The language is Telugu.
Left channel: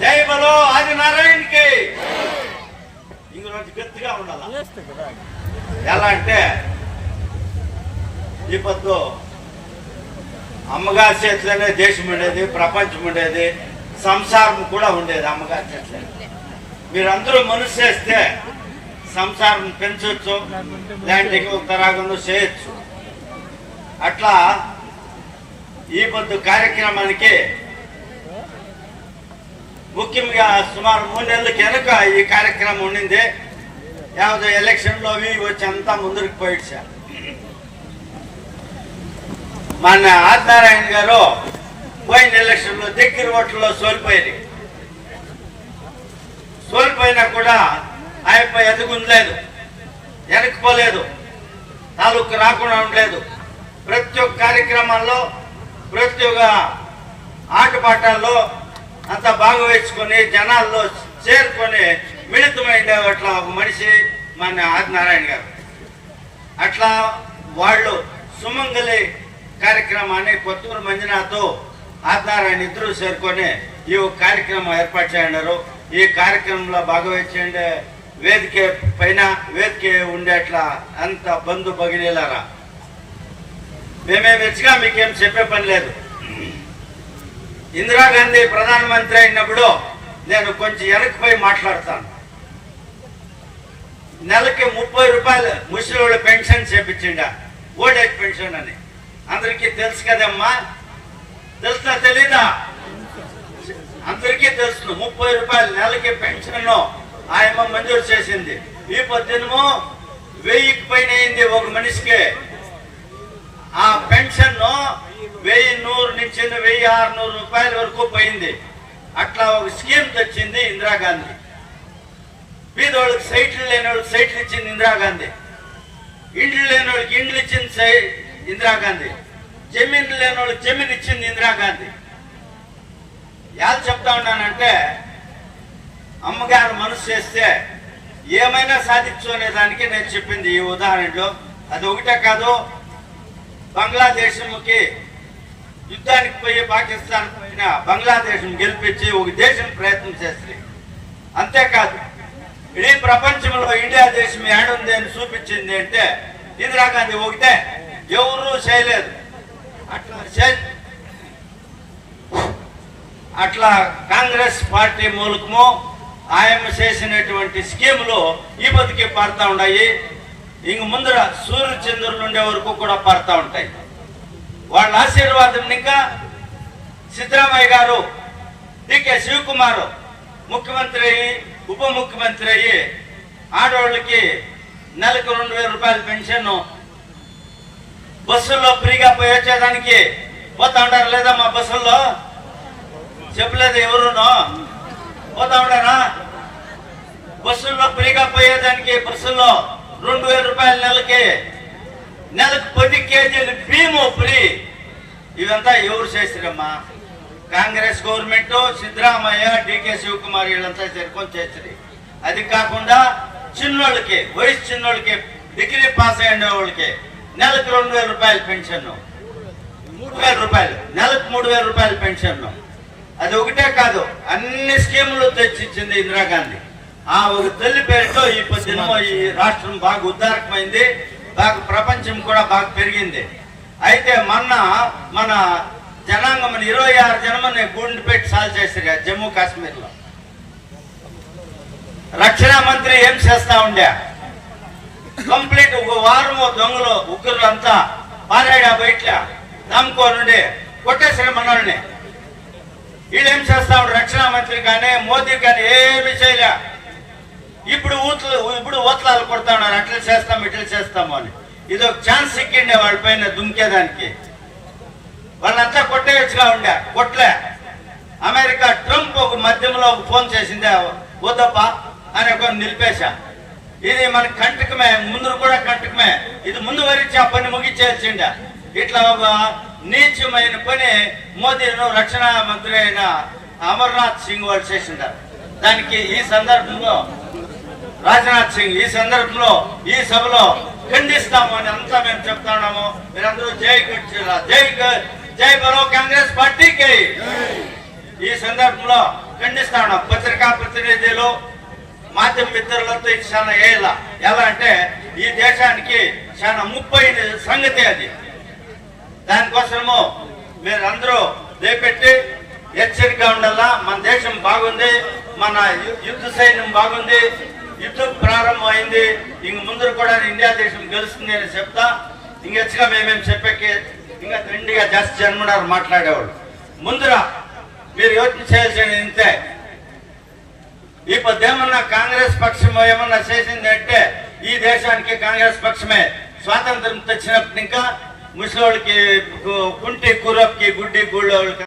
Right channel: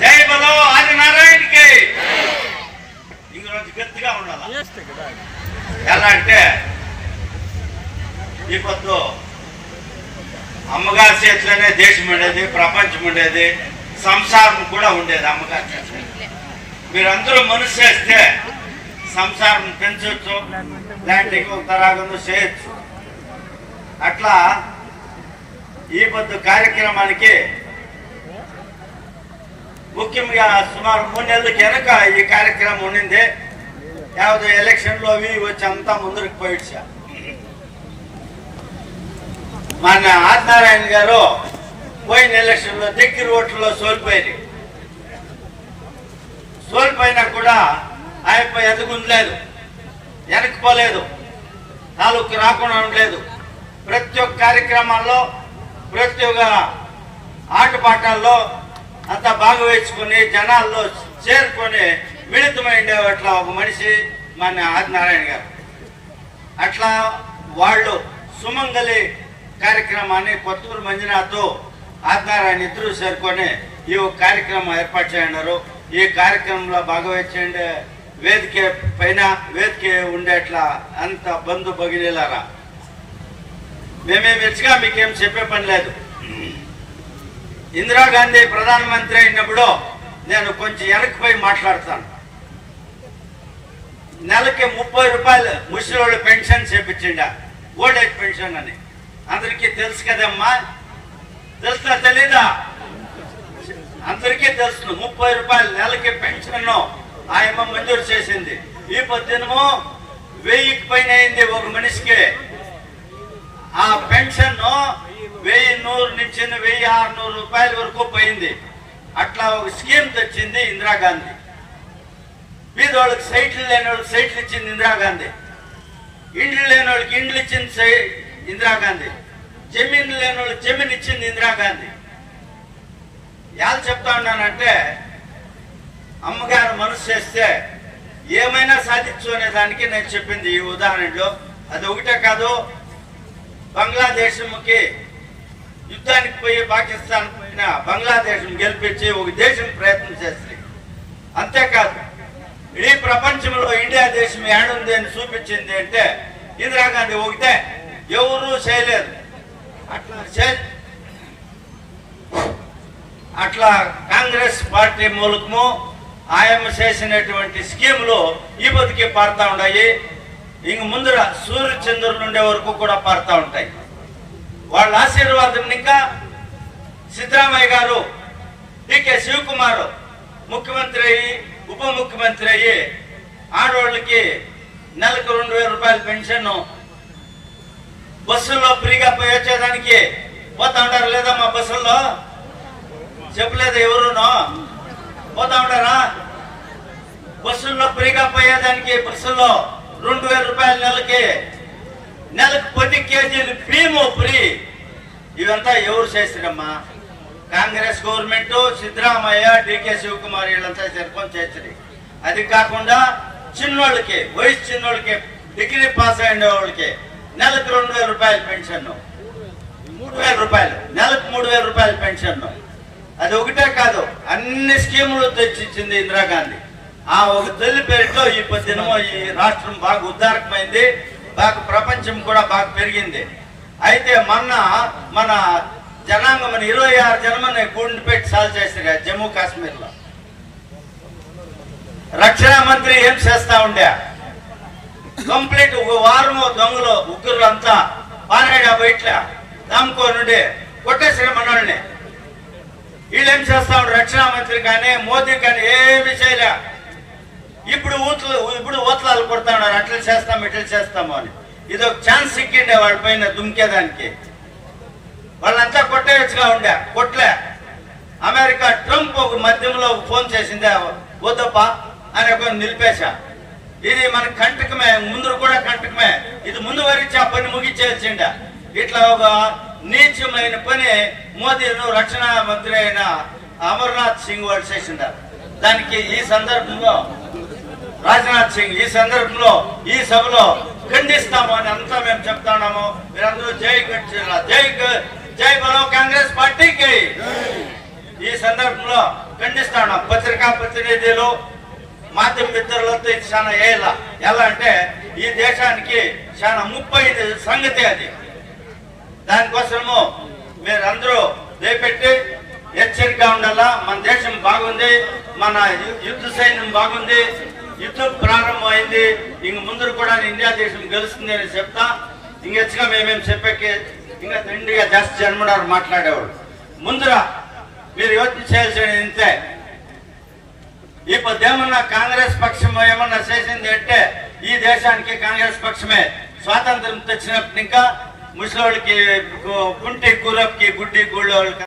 జై బలో ఆదినారాయణకి. ఇంకొంచెం గట్టిగా ఉండాలి. ఎలా అంటే ఈ పొద్దు అమ్మగారి చేతిలోనే దేశం ఉండేది, ప్రపంచం ఉండేది, సంసారం కూడా ఉండేది అమ్మగారి చేతిలో. మీరందరూ మనసు చేస్తే సంసారం పెంచవచ్చు, దాంట్లో ఉత్తరాగం చేయొచ్చు. అట్లా ఈ పొద్దు కార్యక్రమానికి ముఖ్యంగా సుమారు 3 నెలల వెనక ఈ కార్యక్రమం ఉండింది. యావదో ఎలక్షన్ లో అవి వచ్చి అంతా ముందుకు పోయిచ్చారు. మన ఆదినారాయణ గారు పోయిన ఎలక్షన్ లో దగ్గర ఓట్లలో సోల్పోయినా కూడా ఆయన ఎదుగుండలేదు, వెనక్కిపోలేదు, తాలూకు రాకుండా ఉండలేదు. ప్రతి ఒక్క కార్యక్రమాల్లో, ప్రతి ఒక్క ఆటపాటాల్లో అంతా భాగవహించుకొని జనాల్లో చేరుకొని మిళితమైన అట్లా ఒక మనిషి మన ఆదినారాయణ గారు. అట్లా వాళ్ళు సుమంగలి కార్యక్రమాన్ని కొత్తూరు మంజునాథ్ ఆదినారాయణ ఇద్దరు చేరుకొని ఈ కార్యక్రమం ఏర్పాటు చేయన్నారు. ఈ కార్యక్రమంలో భాగవహించే వేదిక పైన వేదిక ఉండేట్లా అంత బంధు భగినీలారా మేమేమి ఇచ్చిగా మీకేం చెప్పే పని లేదు. ఇందిరాగాంధీ ప్రధానమంత్రి అయినప్పుడు నేను కొంచెం వెనక్కిపోయి మాట్లాడతాను. నెలకి 30 రూపాయలు ముసలివాళ్ళ పెన్షన్ చేపించిండ, ఓల్డ్ ఏజ్ పెన్షన్ అని. అందరికీ తెలుసు కదమ్మా, తెలుసా తెలీదా? అందరికీ తెలుసు. 30 రూపాయలు నెలకి పెన్షన్ ఆయన మంజూరు చేసింది. ఈ పొద్దునమో 1000కి పైన అయింది ఒక మనిషికి. ఆ పెన్షన్ 1100 నుంచి 1600 రూపాయల వరకు పోయింది. అట్లా ఒక స్కీమ్ తెచ్చింది ఇందిరాగాంధీ. పేదోళ్ళకి సైట్లు లేని వాళ్ళకి సైట్లు ఇచ్చింది ఇందిరాగాంధీ. ఇండ్లు లేని వాళ్ళకి ఇండ్లు ఇచ్చింది ఇందిరాగాంధీ. జమీన్ లేని వాళ్ళకి జమీన్ ఇచ్చింది ఇందిరాగాంధీ. ఎలా చెప్తా ఉన్నానంటే అమ్మగారు మనసు చేస్తే ఏమైనా సాధించు అనే దానికి నేను చెప్పింది ఈ ఉదాహరణలో. అది ఒకటే కాదు, బంగ్లాదేశంకి యుద్ధానికి పోయి పాకిస్తాన్ పోయిన బంగ్లాదేశం గెలిపించి ఒక దేశం ప్రయత్నం చేస్తుంది. అంతేకాదు ఈ ప్రపంచంలో ఇండియా దేశం ఏడుంది అని చూపించింది అంటే ఇందిరాగాంధీ ఒకటే, ఎవరూ చేయలేదు. అట్లా కాంగ్రెస్ పార్టీ మూలకము ఆయన చేసినటువంటి స్కీములు ఈ బతికి పారుతా ఉన్నాయి. ఇంక ముందర సూర్యచంద్రులు ఉండే వరకు కూడా పారుతా ఉంటాయి. వాళ్ళ ఆశీర్వాదం ఇంకా సిద్ధరామయ్య గారు, డికే శివకుమార్ ముఖ్యమంత్రి అయ్యి ఉప ముఖ్యమంత్రి అయ్యి ఆడవాళ్ళకి నెలకు 2000 రూపాయల పెన్షన్, బస్సుల్లో ఫ్రీగా పోయి వచ్చేదానికి పోతా ఉంటారు లేదా? మా బస్సుల్లో చెప్పలేదు ఎవరునో పోతా ఉంటారా? బస్సుల్లో ఫ్రీగా పోయేదానికి బస్సుల్లో 2000 రూపాయల నెలకు 10 కేజీలు భీము ఫ్రీ. ఇదంతా ఎవరు చేసిరమ్మా? కాంగ్రెస్ గవర్నమెంట్, సిద్ధరామయ్య, డికే శివకుమార్ వీళ్ళంతా జరుపుకొని చేసిరి. అది కాకుండా చిన్నోళ్ళకి, వయసు చిన్నోళ్ళకి, డిగ్రీ పాస్ అయిన వాళ్ళకి నెలకు 2000 రూపాయల పెన్షన్, 3000 రూపాయలు నెలకు 3000 రూపాయల పెన్షన్. అది ఒకటే కాదు, అన్ని స్కీములు తెచ్చిచ్చింది ఇందిరాగాంధీ. ఆ ఒక తల్లి పేరుతో ఈ పొద్దునమో ఈ రాష్ట్రం బాగా ఉద్దారకమైంది, బాగా ప్రపంచం కూడా బాగా పెరిగింది. అయితే మొన్న మన జనాంగం 26 జనమని గుండు పెట్టి సాల్వ్ చేశారు జమ్మూ కాశ్మీర్ లో. రక్షణ మంత్రి ఏం చేస్తా ఉండే, కంప్లీట్ ఒక వారం దొంగలు ఉగ్గురులంతా ఆరేడా బయట దాముకోనుండి కొట్టేసారు మనల్ని. వీళ్ళేం చేస్తా ఉండే, రక్షణ మంత్రి కానీ మోదీ కానీ ఏమి చేయలే. ఇప్పుడు ఊతలాలు కొడతా ఉన్నారు, అట్లా చేస్తాం ఇట్లా చేస్తాము అని. ఇది ఒక ఛాన్స్ ఇక్కిండే వాళ్ళ పైన దుంకేదానికి. వాళ్ళంతా కొట్టేయచ్చుగా ఉండే, కొట్లే. అమెరికా ట్రంప్ ఒక మధ్యంలో ఫోన్ చేసిందే, వద్దప్ప అని ఒక నిలిపేశా. ఇది మన కంటకమే, ముందు కూడా కంటకమే. ఇది ముందు వరించి ఆ పని ముగించేసిండే. ఇట్లా ఒక నీచమైన పని మోదీను రక్షణ మంత్రి అయిన అమర్నాథ్ సింగ్ వాళ్ళు చేసిండారు. దానికి ఈ సందర్భంలో రాజ్నాథ్ సింగ్ ఈ సందర్భంలో ఈ సభలో ఖండిస్తాము అని అంతా మేము చెప్తా ఉన్నాము. మీరందరూ జై బలో కాంగ్రెస్ పార్టీకి. ఈ సందర్భంలో ఖండిస్తా ఉన్నాం. పత్రికా ప్రతినిధులు మాధ్యమ మిత్రులతో ఇది చాలా ఎలా అంటే ఈ దేశానికి చాలా ముప్పైన సంగతి అది. దానికోసము మీరందరూ లేపెట్టి హెచ్చరికగా ఉండాలా. మన దేశం బాగుంది, మన యుద్ధ సైన్యం బాగుంది, యుద్ధం ప్రారంభమైంది, ఇంక ముందు కూడా ఇండియా దేశం గెలుస్తుంది అని చెప్తా. ఇంకెచ్చగా మేమేం చెప్పాకి ఇంకా తిండిగా జాస్తి జన్మడారు మాట్లాడేవాడు. ముందురా మీరు యోచన చేయాల్సింది ఇంతే. ఇప్పుడు ఏమన్నా కాంగ్రెస్ పక్షం ఏమన్నా చేసింది అంటే ఈ దేశానికి కాంగ్రెస్ పక్షమే. స్వాతంత్రం తెచ్చినప్పుడు ఇంకా ముసలి వాళ్ళకి కుంటి కూరప్కి గుడ్డి గూళ్ళ